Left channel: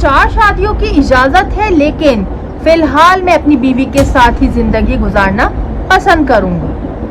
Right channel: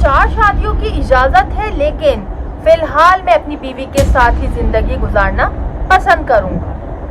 4 शादियों की इजाजत है, लेकिन फिलहाल मैं अपनी बीवी के साथ ही जिंदगी गुजारना पसंद करूंगा।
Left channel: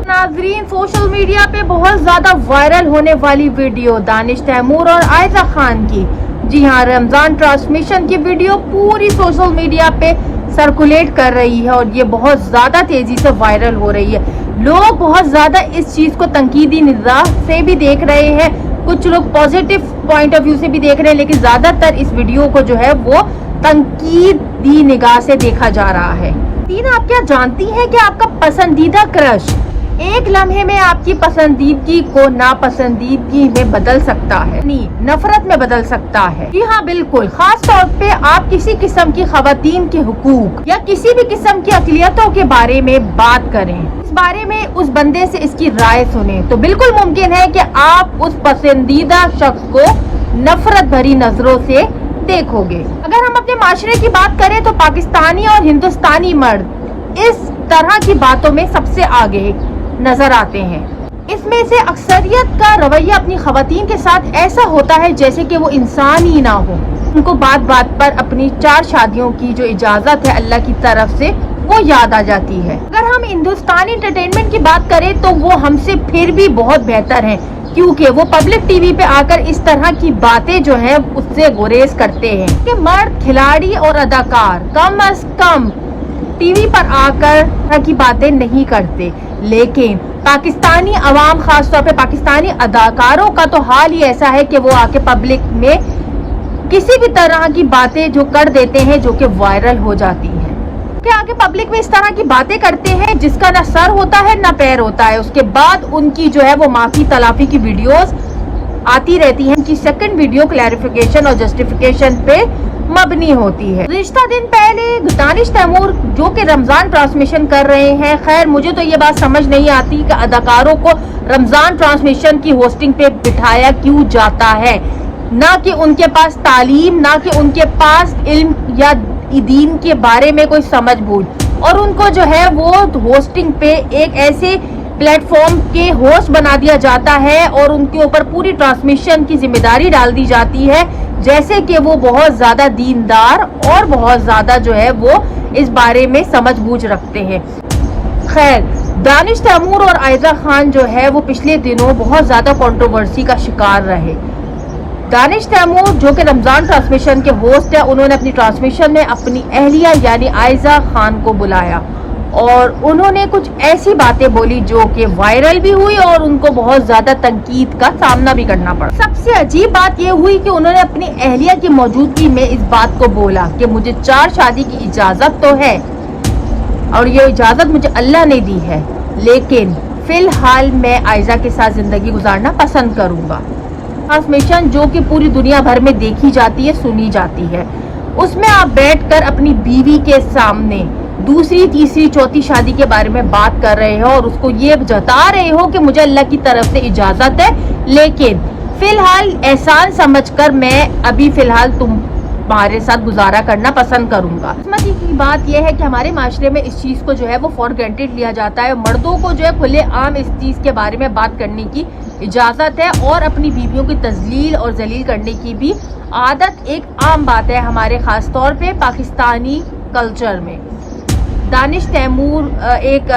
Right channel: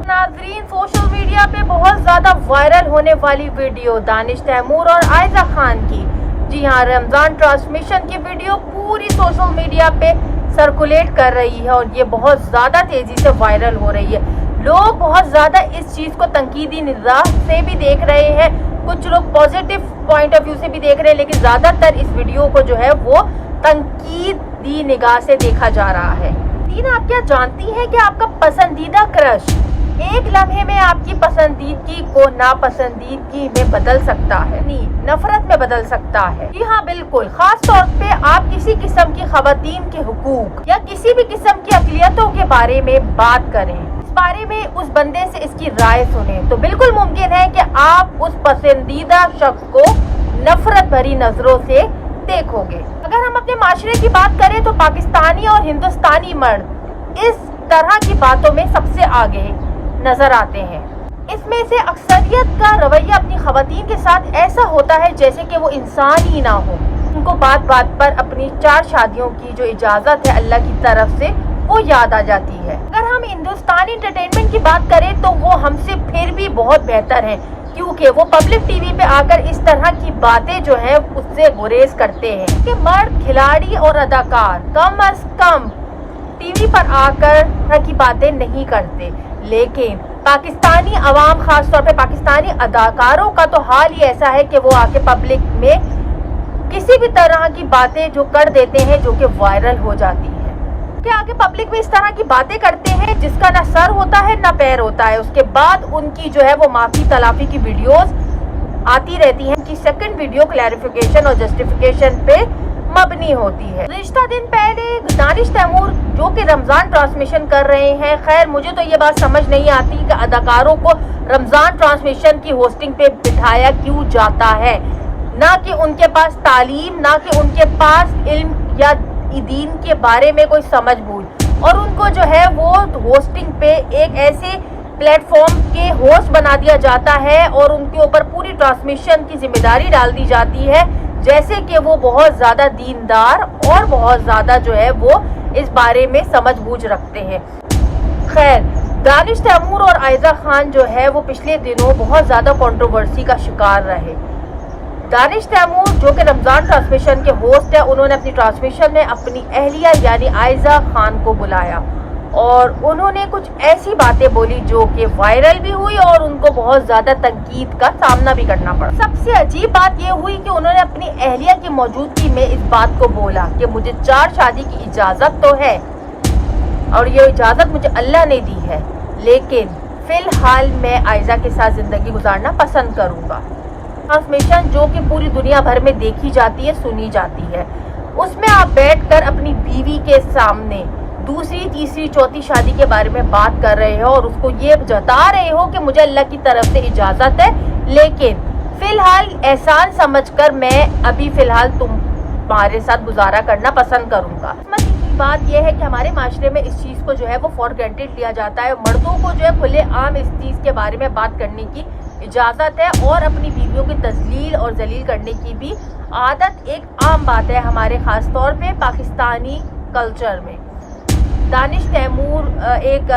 नाजरीन, सोशल मीडिया पे बहुत ज्यादा वायरल होने वाली वीडियो दानिश तैमूर और आयजा खान की, जी हाँ, रमजान ट्रांसमिशन की वीडियो पूरी सोशल मीडिया पे सर्कुलेट कर रही है और ये बहुत ज्यादा तेजी से वायरल हो रही है। लोग बहुत ज्यादा इस चीज को तंकीदी निगाह से भी देख रहे हैं, कुछ लोग पॉजिटिव पॉइंट ऑफ व्यू से भी देख रहे हैं, लेकिन ज्यादातर इस वीडियो को जो है वो तंकीदी निगाह से देखा जा रहा है। तीन, आप क्या जानती हैं कि आपका पसंदीदा क्रश एक लम्हे में आपकी पसंदीदगी को नापसंदीदगी में बदल सकता है, नफरत में बदल सकता है। जी हाँ, बिल्कुल। खास तौर पे आप किसी किस्म की खवातीन के हुकूक या किसी भी किस्म की अक़लियतों के बारे में बात करें, इस बारे में उस बंदे से इसकी राय सुने, तो बिल्कुल मुमकिन है कि आप उस पसंदीदा शख्स को नफरत भरी नजरों से देखोगे। अगर हम अपने माशरे की बात करें तो पाकिस्तानी और हिंदुस्तानी मर्द इस तरह की बातों में सबसे आगे नजर आते हैं। इसमें से अक्सरियत का रवैया अपनी खवातीन के साथ ऐसा होता है जैसे कि वो इंसान ही ना हो। उनको बात बात पर अपनी 4 शादियों की जो इजाजत है अल्लाह की तरफ से वो याद आ जाती है। अगर हम हिंदुस्तानी एंटरटेनमेंट की बात करें तो वो हमसे फिर भी बहुत बेहतर है, क्योंकि वो पब्लिक टीवी पे आकर इस तरह की बातें जो है उससे गुरेज करते हैं कि मर्द खिलाड़ी और अदाकार कम अज कम टीवी पर आकर की बातें नहीं करते, लेकिन पाकिस्तानी अवाम, खास तौर पे पाकिस्तानी अदाकारों का तो हाल ही ऐसा है कि वो आके पब्लिक में किसी भी तरह की बातें जो कर देते हैं जो कि वायरल हो जाती हैं, कि आके पब्लिक में इस तरह की बातें करते हैं जिसका ना सर होता है ना पैर होता है। उसके बाद उनकी जो है वो माफी तलाफी की वीडियोस आती रहती हैं, कि सेकंड वीडियो क्लैरिफिकेशन और जस्टिफिकेशन पे मबनी होती है। रिश्ता दिन पहले दानिश तैमूर जो कि रमजान ट्रांसमिशन कर रहे हैं, खैर मुझे तो ये बात समझ नहीं आती कि अदाकारों को रमजान ट्रांसमिशन की होस्टिंग पे बिठाया क्यों जाता है, ना कि उनके पास तालीम, ना कि उनके पास इल्म या दीन के बारे में कोई समझ बूझ, और उनको जो है वो होस्टिंग पे एक ऐसे प्लेटफॉर्म के होस्ट बना दिया जाता है और उनके ऊपर पूरी ट्रांसमिशन की जिम्मेदारी डाल दी जाती है जैसे कि वो बहुत ज्यादा दीनदार और बहुत ज्यादा जो है वो इस बारे में समझ बूझ रखते हैं। खैर, दानिश तैमूर और आयजा खान जो है वो पिछले दिनों बहुत ज्यादा कंट्रोवर्सी का शिकार रहे। दानिश तैमूर जो कि रमजान ट्रांसमिशन के होस्ट है, उन्होंने अपनी ट्रांसमिशन में अपनी अहलिया यानी आयजा खान को बुलाया और उन्होंने कुछ ऐसी बातें बोली जो कि वायरल भी हुई और उनको बहुत ज्यादा तनकीद का सामना भी करना पड़ा। सबसे अजीब बात ये हुई कि उन्होंने अपनी अहलिया की मौजूदगी में इस बात को बोला कि मुझे 4 शादी की इजाजत तो है और ये इजाजत मुझे अल्लाह ने दी है, लेकिन फिलहाल मैं आयजा के साथ जिंदगी गुजारना पसंद करूंगा। ट्रांसमिशन जो कि पूरी दुनिया भर में देखी जाती है, सुनी जाती है, उसमें आप बैठकर अपनी बीवी के सामने दूसरी, तीसरी, चौथी शादी के बारे में बात कर रहे हो और उसको ये जता रहे हो कि मुझे अल्लाह की तरफ से इजाजत है, लेकिन फिलहाल एहसान समझकर मैं अभी फिलहाल तुम्हारे साथ गुजारा करना पसंद करूंगा। किस्मती की बात यह है कि हमारे माशरे में इस चीज को जो है वो फॉर ग्रांटेड लिया जाता है। मर्दों को जो है खुले आम इस चीज के बारे में बात करने की इजाजत है और अपनी बीवियों की तजलील और जलील करने की भी आदत एक आम बात है हमारे खास तौर पे पाकिस्तानी कल्चर में। दानिश तैमूर एक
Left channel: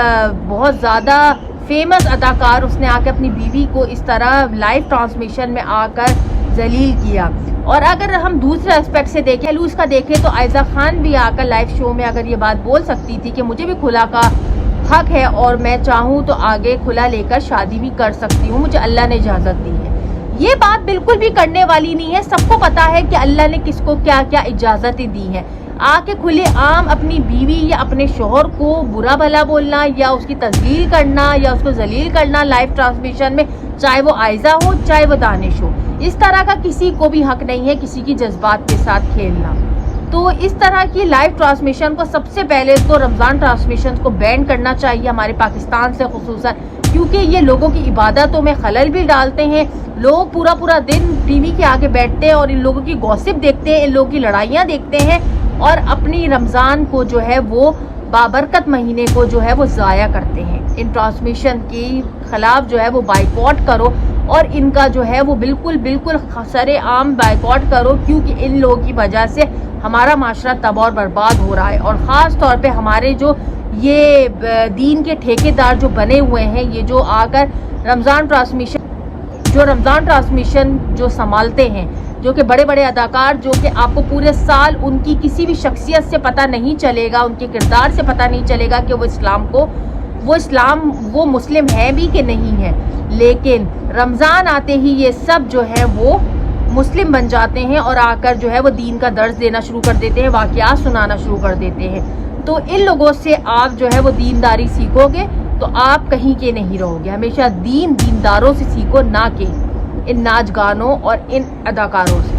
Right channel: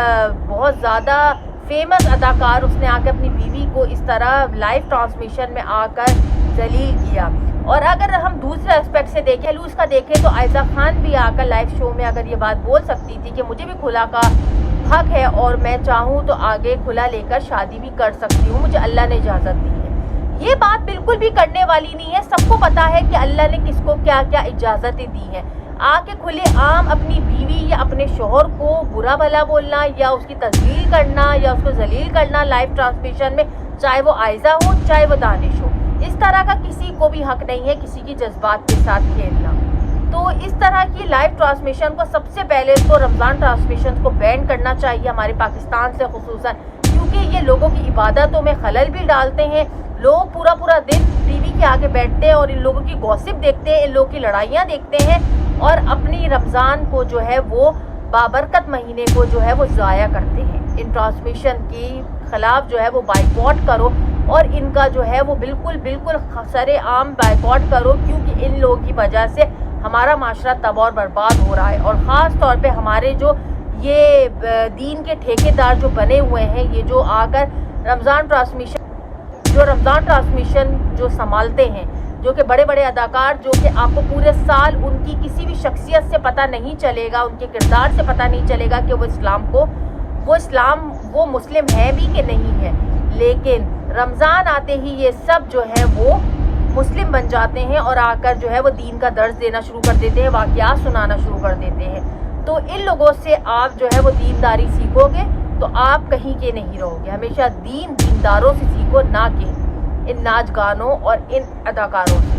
बहुत ज़्यादा फेमस अदाकार, उसने आकर अपनी बीवी को इस तरह लाइव ट्रांसमिशन में आकर जलील किया। और अगर हम दूसरे एस्पेक्ट से देखें, उसका देखें तो आयजा खान भी आकर लाइव शो में अगर ये बात बोल सकती थी कि मुझे भी खुला का हक है और मैं चाहूँ तो आगे खुला लेकर शादी भी कर सकती हूँ, मुझे अल्लाह ने इजाज़त दी है। ये बात बिल्कुल भी करने वाली नहीं है। सबको पता है कि अल्लाह ने किसको क्या क्या इजाज़तें दी हैं। आके खुले आम अपनी बीवी या अपने शोहर को बुरा भला बोलना या उसकी तजलील करना या उसको जलील करना लाइव ट्रांसमिशन में, चाहे वो आयजा हो चाहे वो दानिश हो, इस तरह का किसी को भी हक नहीं है किसी की जज्बात के साथ खेलना। तो इस तरह की लाइव ट्रांसमिशन को सबसे पहले तो रमज़ान ट्रांसमिशन को बैन करना चाहिए हमारे पाकिस्तान से खुसूसन, क्योंकि ये लोगों की इबादतों में खलल भी डालते हैं। लोग पूरा पूरा दिन टीवी के आगे बैठते हैं और इन लोगों की गॉसिप देखते हैं, इन लोगों की लड़ाइयाँ देखते हैं और अपनी रमज़ान को जो है वो बाबरकत महीने को जो है वो ज़ाया करते हैं। इन ट्रांसमिशन के खिलाफ जो है वो बाइकआउट करो اور ان کا جو ہے وہ بالکل سر عام بائیکاٹ کرو، کیونکہ ان لوگوں کی وجہ سے ہمارا معاشرہ تباہ اور برباد ہو رہا ہے. اور خاص طور پہ ہمارے جو یہ دین کے ٹھیکیدار جو بنے ہوئے ہیں، یہ جو آ کر رمضان ٹرانسمیشن جو سنبھالتے ہیں، جو کہ بڑے بڑے اداکار، جو کہ آپ کو پورے سال ان کی کسی بھی شخصیت سے پتہ نہیں چلے گا، ان کے کردار سے پتہ نہیں چلے گا کہ وہ مسلم ہیں بھی کہ نہیں ہے، لیکن رمضان آتے ہی یہ سب جو ہے وہ مسلم بن جاتے ہیں اور آ کر جو ہے وہ دین کا درس دینا شروع کر دیتے ہیں، واقعات سنانا شروع کر دیتے ہیں. تو ان لوگوں سے آپ جو ہے وہ دینداری سیکھو گے تو آپ کہیں کے نہیں رہو گے. ہمیشہ دینداروں سے سیکھو، نہ کہ ان ناچ گانوں اور ان اداکاروں سے.